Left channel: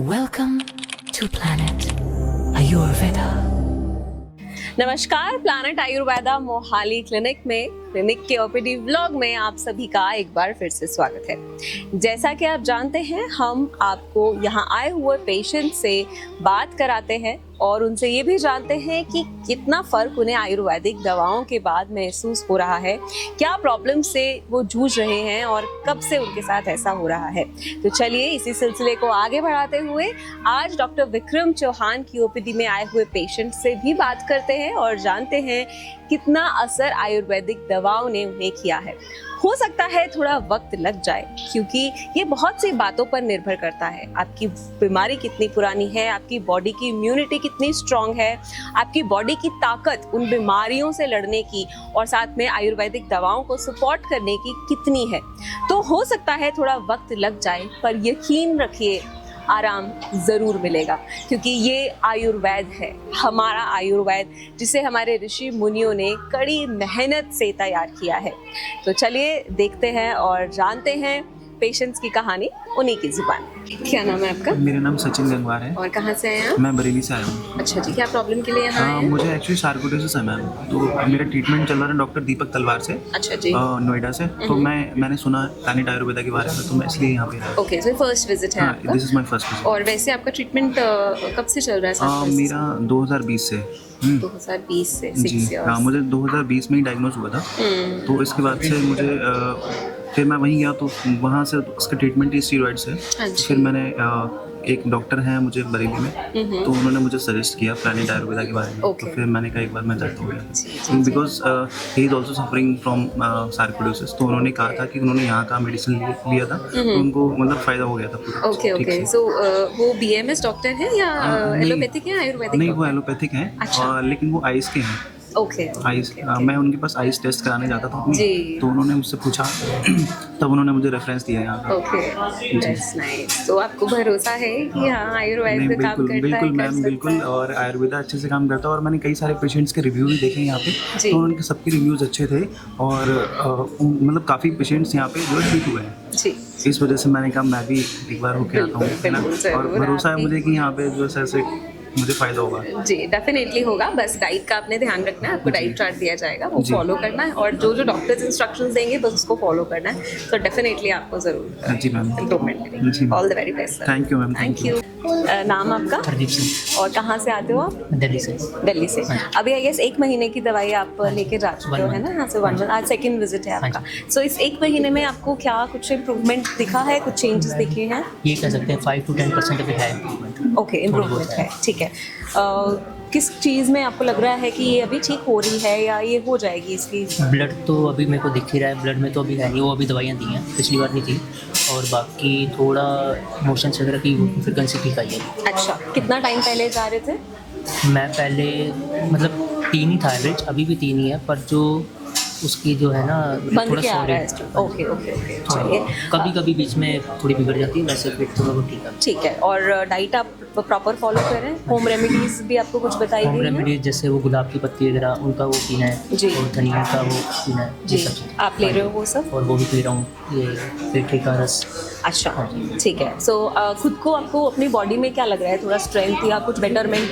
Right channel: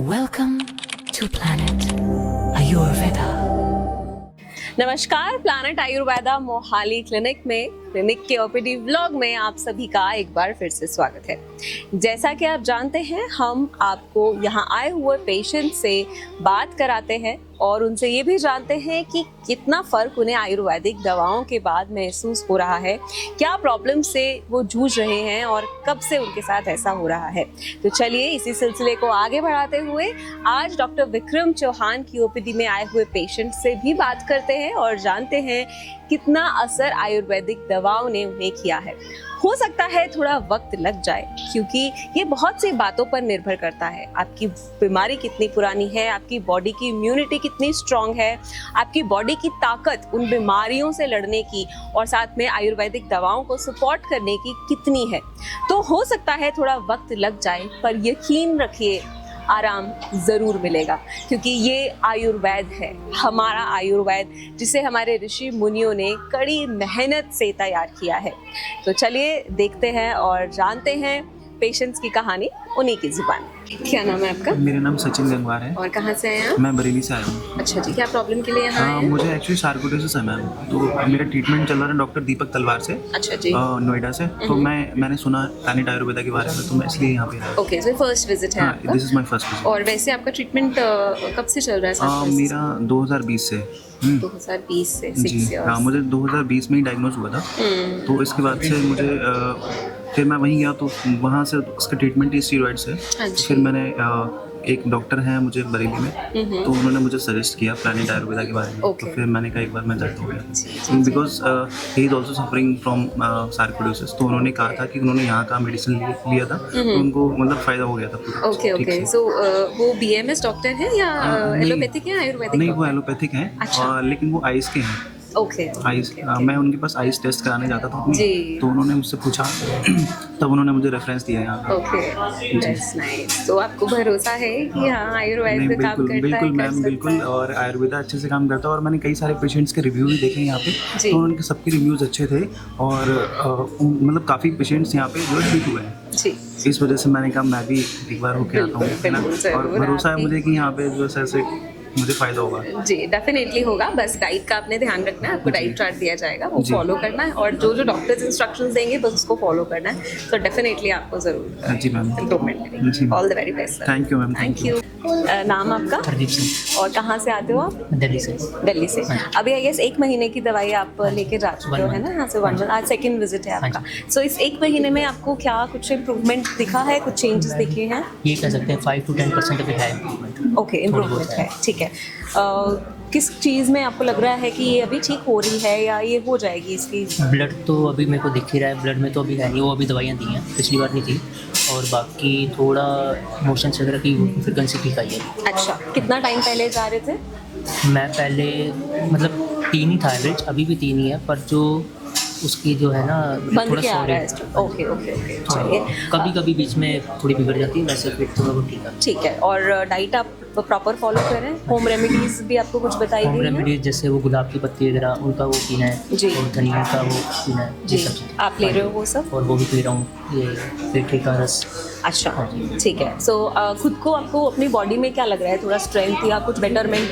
Welcome to Planet Ayurveda. नमस्कार, planet Ayurveda Mohali clinic के OPD vlog में आप सभी का एक बार फिर से स्वागत है। जैसा कि आप जानते हैं, हम आपको यहाँ आए हुए पेशेंट से बात कराते हैं और उनसे ये भी जानते हैं कि कितना फर्क उन्हें आयुर्वेदिक दवाओं के बाद महसूस हो रहा है, क्या प्रॉब्लम से वो जूझ रहे हैं और कब से उनके साथ ऐसा हो रहा है। तो चलिए इसी सिलसिले को आगे बढ़ाते हुए आज डॉक्टर विक्रम चौहान की ओपीडी में आए हुए पेशेंट से भी बात करते हैं और जानते हैं कितना असर आयुर्वेदिक दवाओं ने उन्हें किया है। हो सकता है थोड़ा वक्त लग जाए, क्योंकि ये बहुत सी बातों पर निर्भर करता है। आपकी बीमारी कितनी पुरानी है, आपकी बॉडी की इम्यूनिटी कितनी स्ट्रांग है, आपकी बॉडी की ताकत उन बीमारियों से लड़ने की और साथ में आयुर्वेदिक दवाओं को सपोर्ट करने की कितनी है। तो हो सकता है थोड़ा वक्त लग जाए, पर यकीन रखिए आराम जरूर मिलेगा, क्योंकि ये आयुर्वेद है, हमारा आयुर्वेद, जिसे हमारे ऋषि मुनियों ने कड़ी मेहनत से तैयार किया है। तो चलिए देखते हैं और जानते हैं पेशेंट्स की कहानी उन्हीं की जुबान। क्या नाम है आपका? मेरा नाम सचिन गंगवार है। और कहाँ से आए हैं? मैं बरेली से आया हूँ। अच्छा जी, क्या प्रॉब्लम के लिए यहाँ आए हैं? मुझे एक्चुअली सार्कोइडोसिस है मैम, तो मेरा ट्रीटमेंट चल रहा है डॉक्टर दीपक तलवार से। अच्छा जी। नोएडा से। तो मैंने सुना प्लानेट आयुर्वेदा के बारे में, तो मैं इसलिए यहाँ पे आया। ओके, तो फर्स्ट विजिट है आपका। This is my first visit. और वैसे आपका ट्रीटमेंट कब से चल रहा है? मेरा 2020 से है। 2020 से जी 6 हाँ, मुझे 2020 में ही डायग्नोज हुआ था। तो इसके बाद से मुझे फिर मैं वहीं गया, तो वहाँ से उसका ट्रीटमेंट ही स्टीरॉइड से। फिर मैंने एक डॉक्टर हैं मुझे बरेली में, तो उन्होंने मुझे सजेस्ट किया प्लानेट आयुर्वेदा के बारे में। Okay. तो फिर मैंने कहा एक बार मैं दर्द हो गया, because he is also suffering from sarcoidosis. तो उन्होंने कहा था कि उन्होंने यहाँ का मेडिसिन लिया था, तो उनको मतलब फायदा हो गया था पूरा। ओके ठीक ओके, से। सो वो बीएमएस डॉक्टर है या एलोपैथिक है, आयुर्वेदिक? नहीं, वो एलोपैथिक है। अच्छा। लेकिन वो आइस के हैं। ओके आइस मैं उनके पास आइस टेस्ट कराने जाता था अपनी, जी। तो उन्होंने मुझसे पूछा तब उन्होंने मुझे रेफरेंस दिया यहाँ पे। ओके, तो आपको भरोसा है कि हाँ आयुर्वेद नहीं, में काम बिल्कुल करता बिल्कुल है? मैम, बिल्कुल। और आयुर्वेदा अच्छे से काम करता है, और मैंने कई सारे पेशेंट्स के रिव्यूज देखे यहाँ पे, जी। तो उनके सबके रिव्यूज अच्छे थे, और मतलब काफ़ी पेशेंट्स यहाँ पे वर्क भी हुए हैं। जी। इस वजह से मैंने कहा मैं भी एक बार होके आता हूँ, है ना। भरोसा है मुझे कि यहाँ पे जो है मुझे फ़ायदा होगा। जी, डेफिनेटली होगा। बस डाइट का आपने ध्यान रखना है, आपको डाइट चार्ट दिया जाएगा, फॉलो करना है, और जो जो डॉक्टर्स इंस्ट्रक्शंस देंगे बस उसको फॉलो करना है। तो डेफिनेटली आपको जरूर जी मैम। इम्प्रूवमेंट जी मिलेगी। Ma'am. All the very best. Thank you ma'am. Thank you. नाम आपका? हरदीप सिंह, और कहाँ से आते हो आप? दिल्ली से। दिल्ली से। अभी आई गेस 1 महीने की दवाई आप लेके जा चुके हो, है ना? यहाँ से 1 मंथ, आज सेकंड विजिट है आपका। सो इस 1 महीने में आपको क्या कुछ इम्प्रूवमेंट दिखा है, कुछ चेंजेस दिखे हैं? ये कह सकते हैं 5 to 10% अभी है इम्प्रूवमेंट। ओके, इम्प्रूवमेंट है, ठीक है। किस चीज़ में आपको लग रहा है कि ये अभी ठीक हो रही है या ये हो जाएगी इसकी? ब्लड तो अभी मेरे को दिख ही रहा है, ब्लड में तो अभी है नहीं, वो अभी दवाइयाँ दी हैं, पिछली बार नहीं थी। और बाकी थोड़ा मोशन वगैरह की फ्रिक्वेंसी ठीक आई है। अच्छा, कितना टाइम पहले जा रहे थे? मैं पहले मतलब 3 ही था एवरेज, अभी भी 3 ही है, पर जो उसकी जो है ना बंद थोड़ा क्या आ रहा है? ओके ओके ओके, चलिए। कभी कभी बीच में थोड़ी बिगड़ जाती है, वैसे फिर थोड़ा वो ठीक है। ठीक है, और डाइट आप प्रॉपर फॉलो कर रहे हैं? होम रेमेडीज भी आपको कुछ बताई होम गई हैं? रेमेडीज जैसे वो गुलाब की पत्ती वगैरह, उनका वो पीना है जी। और धनिया का वो पीना है, जी, ये सब। आप ले रहे हो वो सब? और वो भी पी रहा हूँ, ये पेठे का रस। अच्छा, ठीक है। सो खुद को आपको अपनी बॉडी में क्या लग रहा है, थोड़ा स्ट्रेंथ या कुछ बेटरमेंट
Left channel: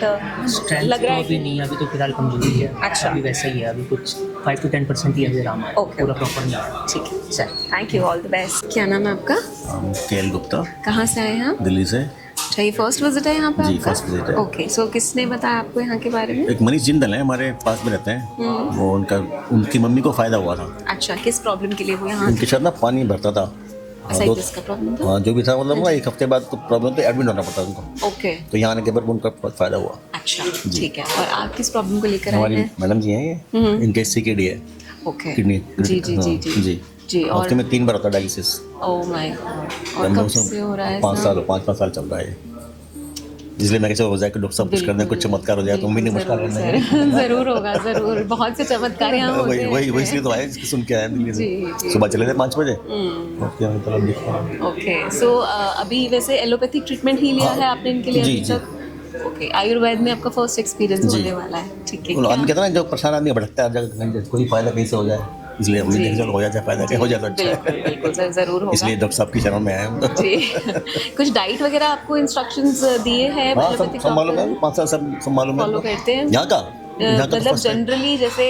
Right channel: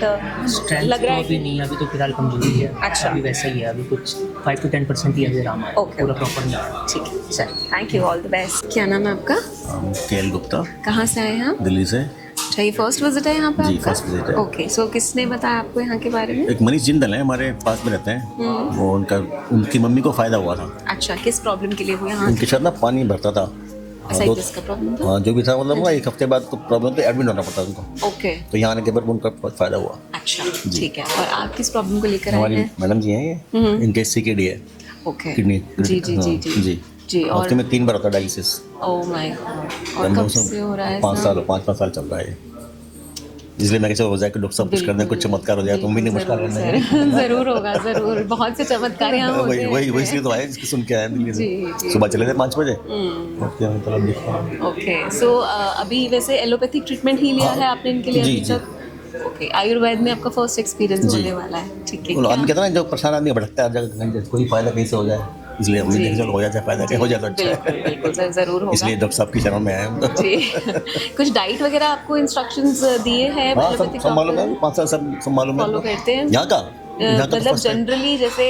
स्ट्रेंथ लग रहा तो है? अभी नहीं है, अभी तो फिलहाल कमजोरी है। अच्छा। अभी वैसा ही है, अभी कुछ 5 to 10% ही अभी आराम है। ओके। पूरा प्रॉपर नहीं है। ठीक है, चलिए, thank you, all the best. क्या नाम है आपका? केएल गुप्ता, कहाँ से आए हैं आप? दिल्ली से। अच्छा, ये फर्स्ट विजिट है यहाँ पे जी, आपका? first visit है। ओके, सो किसने बताया आपको यहाँ के बारे में? एक मनीष जिंदल है, हमारे पास में रहते हैं। वो उनकी मम्मी को फायदा हुआ था। अच्छा, किस प्रॉब्लम के लिए हुआ यहाँ? उनके साथ ना पानी भरता था, साइटिस का प्रॉब्लम? जो भी था, मतलब ना 1 हफ्ते बाद तो प्रॉब्लम तो एडमिट होना पड़ता उनको। ओके, तो यहाँ आने के बाद उनका बहुत फायदा हुआ। अच्छा, ठीक है। आप किस प्रॉब्लम को लेकर आए हमारी हैं? मैडम जी हैं ये, इनके सीकेडी है, ओके, किडनी। जी जी जी जी जी। जी। हफ्ते में 3 बार होता है डायलिसिस। ओह माय गॉड, और कब से हो रहा है? 5 साल चल रहा है ये। इसलिए मैं कैसे हो जाए कि डॉक्टर साहब कुछ कर दें, कुछ चमत्कार हो जाए, तुम भी नहीं मुश्किल कर देंगे। जरूर होगा, जरूर, बहुत से चमत्कार यहाँ होते हैं। वही इसलिए तो आए, इसकी सुन के आए दिल्ली से। जी। सुबह चले थे 5 बजे। ओके, मैं तरफ देखता हूँ। ओके, सो अभी वैसे एलोपैथिक ट्रीटमेंट ही लिया है आपने इनके लिए? जी, अभी जी। तक? ओके, आयुर्वेद में आपका फर्स्ट एक्सपीरियंस जी। होने वाला है, ठीक है। और हम कहते हैं ना, जो परेशान आदमी भटकता है, कोई फायदा कैसे हो जाए। इसलिए हमने देखा चलो हो जाता फायदा क्या हो जाता अच्छा बिल्कुल है। बिल्कुल सर, जरूर होगा। इसलिए डॉक्टर साहब की शरण में आए हम। जी कुछ डाइट वगैरह आपको इंस्ट्रक्शंस दिए हैं सब मालूम है, 5 साल सब मालूम है। फॉलो करते हैं? यहाँ का यहाँ का तो मतलब first time। जनरली जैसे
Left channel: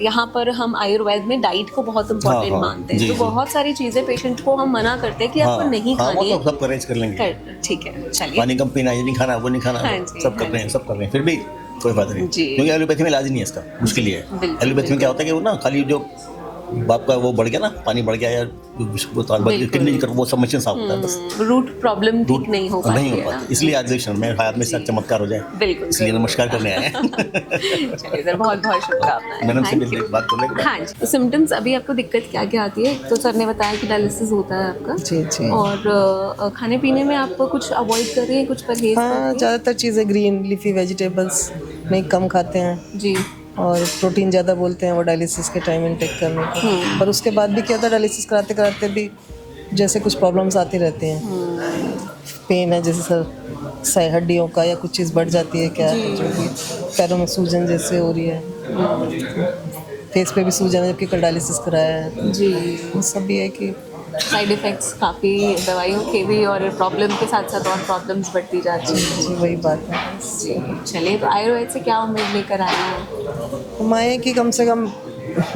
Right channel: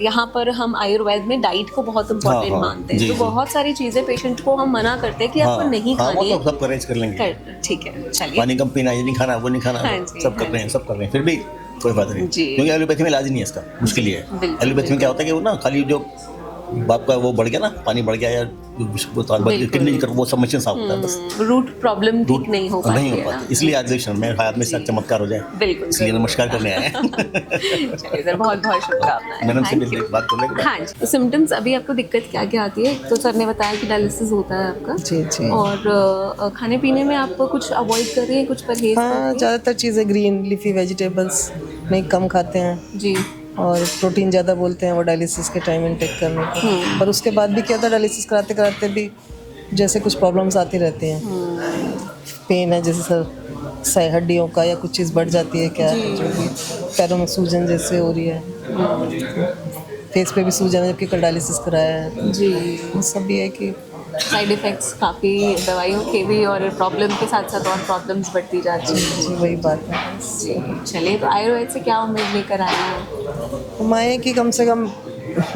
यहाँ पर हम आयुर्वेद में डाइट को बहुत इम्पोर्टेंट हाँ, मानते हैं, जी, तो जी। बहुत सारी चीजें पेशेंट को हम मना करते हैं कि आपको नहीं हाँ, खानी वो है। तो सब अरेंज कर लेंगे। ठीक है, चलिए। पानी कम पीना, ये नहीं खाना, वो नहीं खाना, हाँ जी, सब कर रहे हैं, सब कर रहे हैं, फिर भी कोई फायदा नहीं। जी। क्योंकि एलोपैथी में इलाज नहीं है इसका, मुश्किल ही है। बिल्कुल, एलोपैथी में क्या होता है कि वो ना खाली जो बाप का वो बढ़ गया ना, पानी बढ़ गया या किडनी का वो सब मशीन सब होता है बस। रूट प्रॉब्लम ठीक नहीं हो पाती नहीं हो है पाती, इसलिए आज क्षण में हाथ में साथ चमत्कार हो जाए, इसलिए नमस्कार करने आए हैं। तो सिम्टम्स अभी आपको दिक्कत क्या क्या आती है? तो सर ने बताया कि डायलिसिस होता है आपका। जी जी। और खाने पीने में आप कुछ अवॉइड कर रहे हैं, कुछ परहेज कर रहे हाँ, हैं? ज़्यादातर चीज़ें ग्रीन लीफी वेजिटेबल्स नहीं कम खाते हैं, जी। और प्रोटीन ज़्यादा बोलते हैं वो डायलिसिस के टाइम इनटेक करने को। पर उसके बाद भी क्या होता है, डायलिसिस कराते कराते भी जैसे कुछ प्रॉब्लम्स आती रहती हैं। पेन है जैसे सर सही हड्डियों का, या कुछ चीज़ बढ़ जाती है, क्या है जो भी पैरों में सूजन जैसे हो रही है, फेस पे भी सूजन है जबकि कल डायलिसिस कराया है। जी। वो सब भी है कि साइड इफ़ेक्ट्स काफ़ी दवाइयों के भी, और प्रॉब्लम के साथ साथ और प्रॉब्लम्स बढ़ती जाती हैं। जी वही बात है। चलिए, तो आयुर्वेद से क्या उम्मीद लेकर आए हैं? हम आए कि कम से कम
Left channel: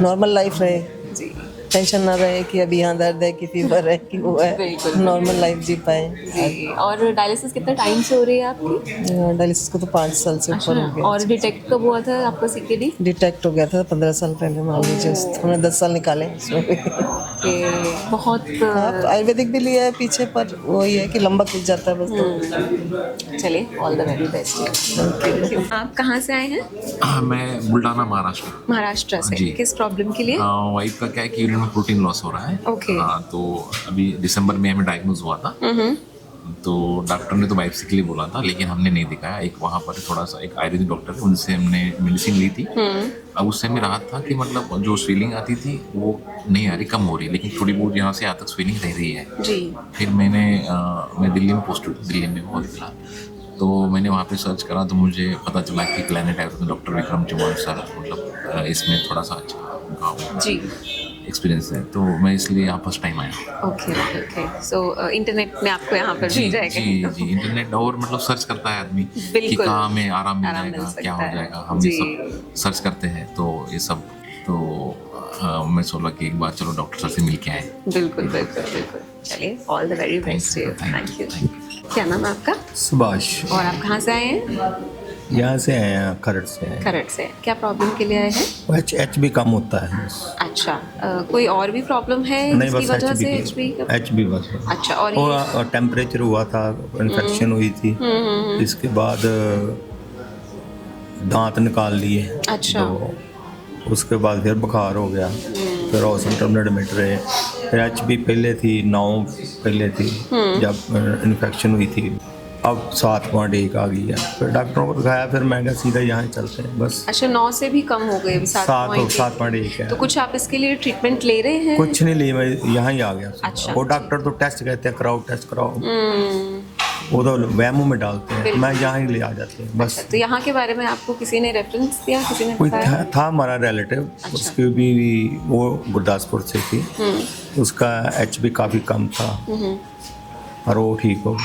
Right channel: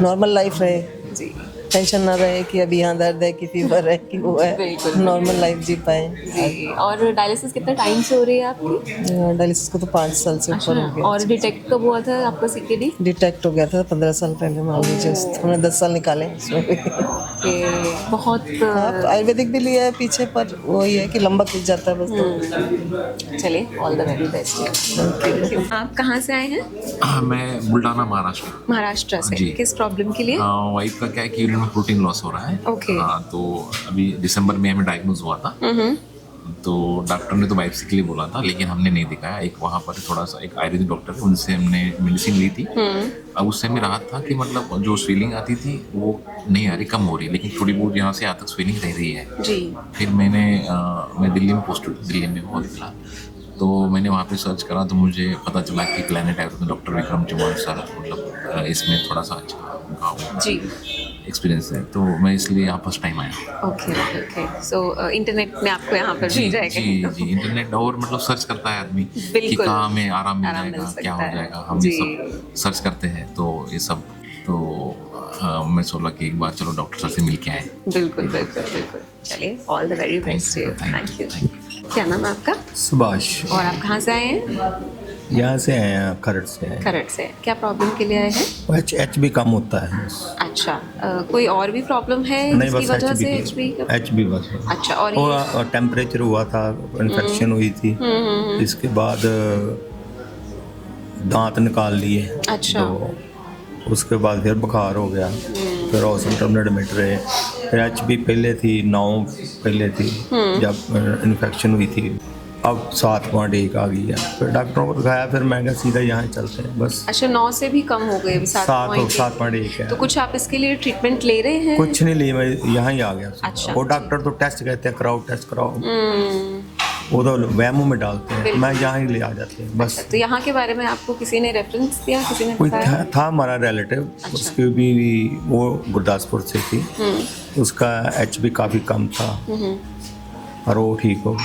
नॉर्मल लाइफ रहे, जी। टेंशन ना रहे कि अभी यहाँ दर्द है कि फीवर है कि वो है, बिल्कुल। नॉर्मल लाइफ जी पाए। और डायलिसिस कितने टाइम से हो रही है आपकी? डायलिसिस को तो 5 साल से ऊपर हो गया। और डिटेक्ट कब हुआ था आपका CKD? डिटेक्ट हो गया था 15 साल पहले, मान लीजिए हमने 10 साल निकाले। बहुत आयुर्वेदिक भी लिया है पीछे, पर वो ये है कि लंबा खिंच जाता है बस। चलिए, ऑल द वेरी बेस्ट। आप कहाँ से आए हैं? मैं बुल्डाना महाराष्ट्र। महाराष्ट्र से। जी। किस प्रॉब्लम के लिए? वाइफ का क्या है कि यूरिन में प्रोटीन लॉस हो रहा है। Okay. हाँ, तो अभी दिसंबर में हमें डायग्नोज हुआ था, तो डॉक्टर ने तो बायोप्सी के लिए बोला था, लेकिन हमने नहीं दिखाया। एक वहाँ पर थोड़ा सा एक आयुर्वेदिक डॉक्टर है, उनसे हमने मेडिसिन ली थी। अब उससे हमें राहत था कि मतलब जो स्वेलिंग आती थी वो नहीं आ रही, कम हो रही, लेकिन थोड़ी बहुत यहाँ से आज तक स्वेलिंग रह रही है। जी। फिर मैं दिल्ली में पोस्टेड, दिल्ली में बहुत फिलहाल, तो मैंने वहाँ पे सर्च करा तो मुझे पता चला कि प्लैनेट आयुर्वेद में डॉक्टर विक्रम चौहान सर मतलब इसमें थोड़ा सा अच्छा जी। एक्सपीरियंस है, तो मैं इसलिए यहाँ फर्स्ट टाइम आया। Okay okay okay. So internet ने आपको यहाँ पर जी मिल जाएगा। जी जी, इंटरनेट और मतलब सर्च करता है आदमी कि बिल्कुल। कहाँ हमें आराम मिल आराम मिल जाएगा, क्या सकता हो है। जाएगा, हम जी। ये सब सर्च करते हैं, तो ये सब तो मैं सोचा कि एक बार चलो डॉक्टर से मिल के आए। बिल्कुल बिल्कुल बिल्कुल। चलिए, all the very best. Thank you. Thank you. क्या नाम है आपका? सुभाष, और आप कहाँ से आए हैं? यहाँ से आए हैं, खरड़ से आए खरड़ से। क्या प्रॉब्लम के लिए आए हैं? हैं। एच भी कम होता है। अच्छा, कोई और भी प्रॉब्लम है जिसकी वजह से HB? एच भी अच्छा, और टेम्परेचर हुआ था, इन्फेक्शन हुई थी, हम्म। इसके बाद दांत निकाल लिए। अच्छा। तो उसके बाद फिर बुखार हो गया, फिर हॉस्पिटल में एडमिट रहे। फिर एच भी पहले थी 9 पहले थी जब इन्फेक्शन हुई थी, अब 7.1 आ गई है। फिर डॉक्टरों को दिखाया, फिर मैं कहा सीधा यहाँ ही चलते हैं बस। अच्छा, 9 से भी कम हो गए, 7.1। 7.1 है। तो कुछ आप इसके लिए ट्रीटमेंट ले रहे हैं? कुछ नहीं लिए, मैं यहाँ ही आ गया। अच्छा। वो डॉक्टर तो टेस्ट कहते हैं, कराओ टेस्ट कराओ, वो तो वहमों में डालते हैं, मैं यहाँ ही ले आ जाते हैं बस। तो यहाँ के बारे में आपको किसी ने रेफरेंस दिया, किसी ने कोई बताया? था हमारा रिलेटिव, उसके भी वो गुरदासपुर से थी, उसका एच भी काफ़ी कम था और वो ठीक हो।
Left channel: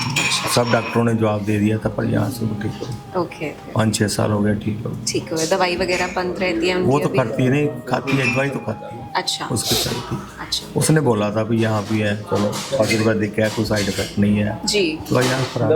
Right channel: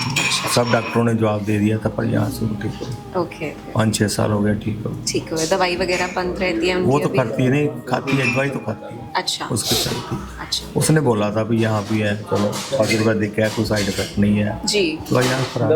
सब डॉक्टरों ने जवाब दे दिया था, पर यहाँ से वो ठीक हो। ओके, 5-6 साल हो गए ठीक हो। ठीक है। दवाई वगैरह बंद रहती है? वो तो खाती है, नहीं खाती है, दवाई तो खाती है। अच्छा उसकी थी, अच्छा। उसने बोला था भी यहाँ भी है, चलो आयुर्वेदिक है, कोई साइड इफेक्ट नहीं है। जी, दवाइयाँ खराब।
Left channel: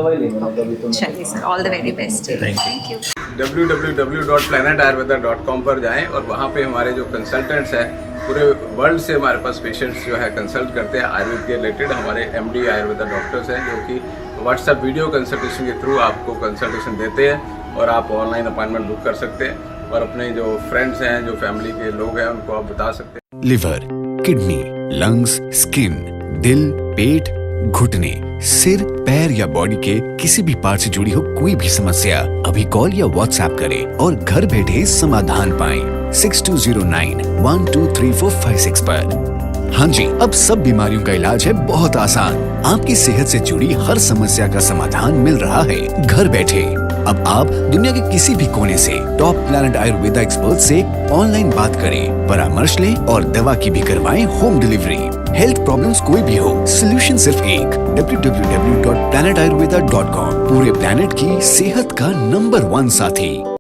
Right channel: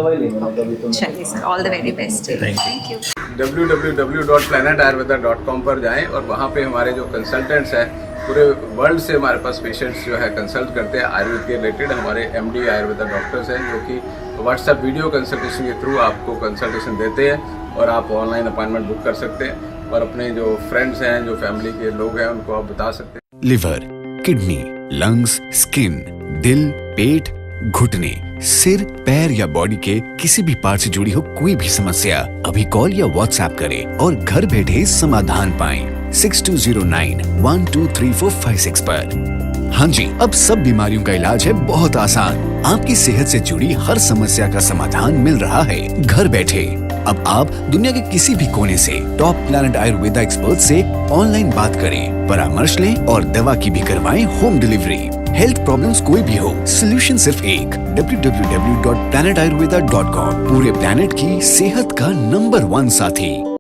चलिए sir, all the very best. Thank you. www.planetayurveda.com पर जाएं और वहाँ पे हमारे जो कंसल्टेंट्स हैं पूरे वर्ल्ड से हमारे पास पेशेंट्स जो है कंसल्ट करते हैं आयुर्वेद के रिलेटेड। हमारे MD आयुर्वेदा डॉक्टर्स हैं जो कि व्हाट्सएप वीडियो कंसल्टेशन के थ्रू आपको कंसल्टेशन देते हैं और आप ऑनलाइन अपॉइंटमेंट बुक कर सकते हैं और अपने जो फ्रेंड्स हैं, जो फैमिली के लोग हैं, उनको आप बता सकते हैं। लिवर, किडनी, लंग्स, स्किन, दिल, पेट, घुटने, सिर, पैर या बॉडी के किसी भी पार्ट से जुड़ी हो कोई भी समस्या, अभी कॉल या व्हाट्सएप करें और घर बैठे समाधान पाएं 6209123456 पर। हाँ जी, अब सब बीमारियों का इलाज है बहुत आसान। आपकी सेहत से जुड़ी हर समस्या का समाधान मिल रहा है घर बैठे। अब आप दुनिया के किसी भी कोने से टॉप प्लैनेट आयुर्वेदा एक्सपर्ट से ऑनलाइन बात करें, परामर्श लें और दवा की भी करवाएं होम डिलीवरी। हेल्थ प्रॉब्लम्स कोई भी हो, सोल्यूशन सिर्फ एक, www.planetayurveda.com। पूरे प्लैनेट की सेहत का नंबर 1 साथी।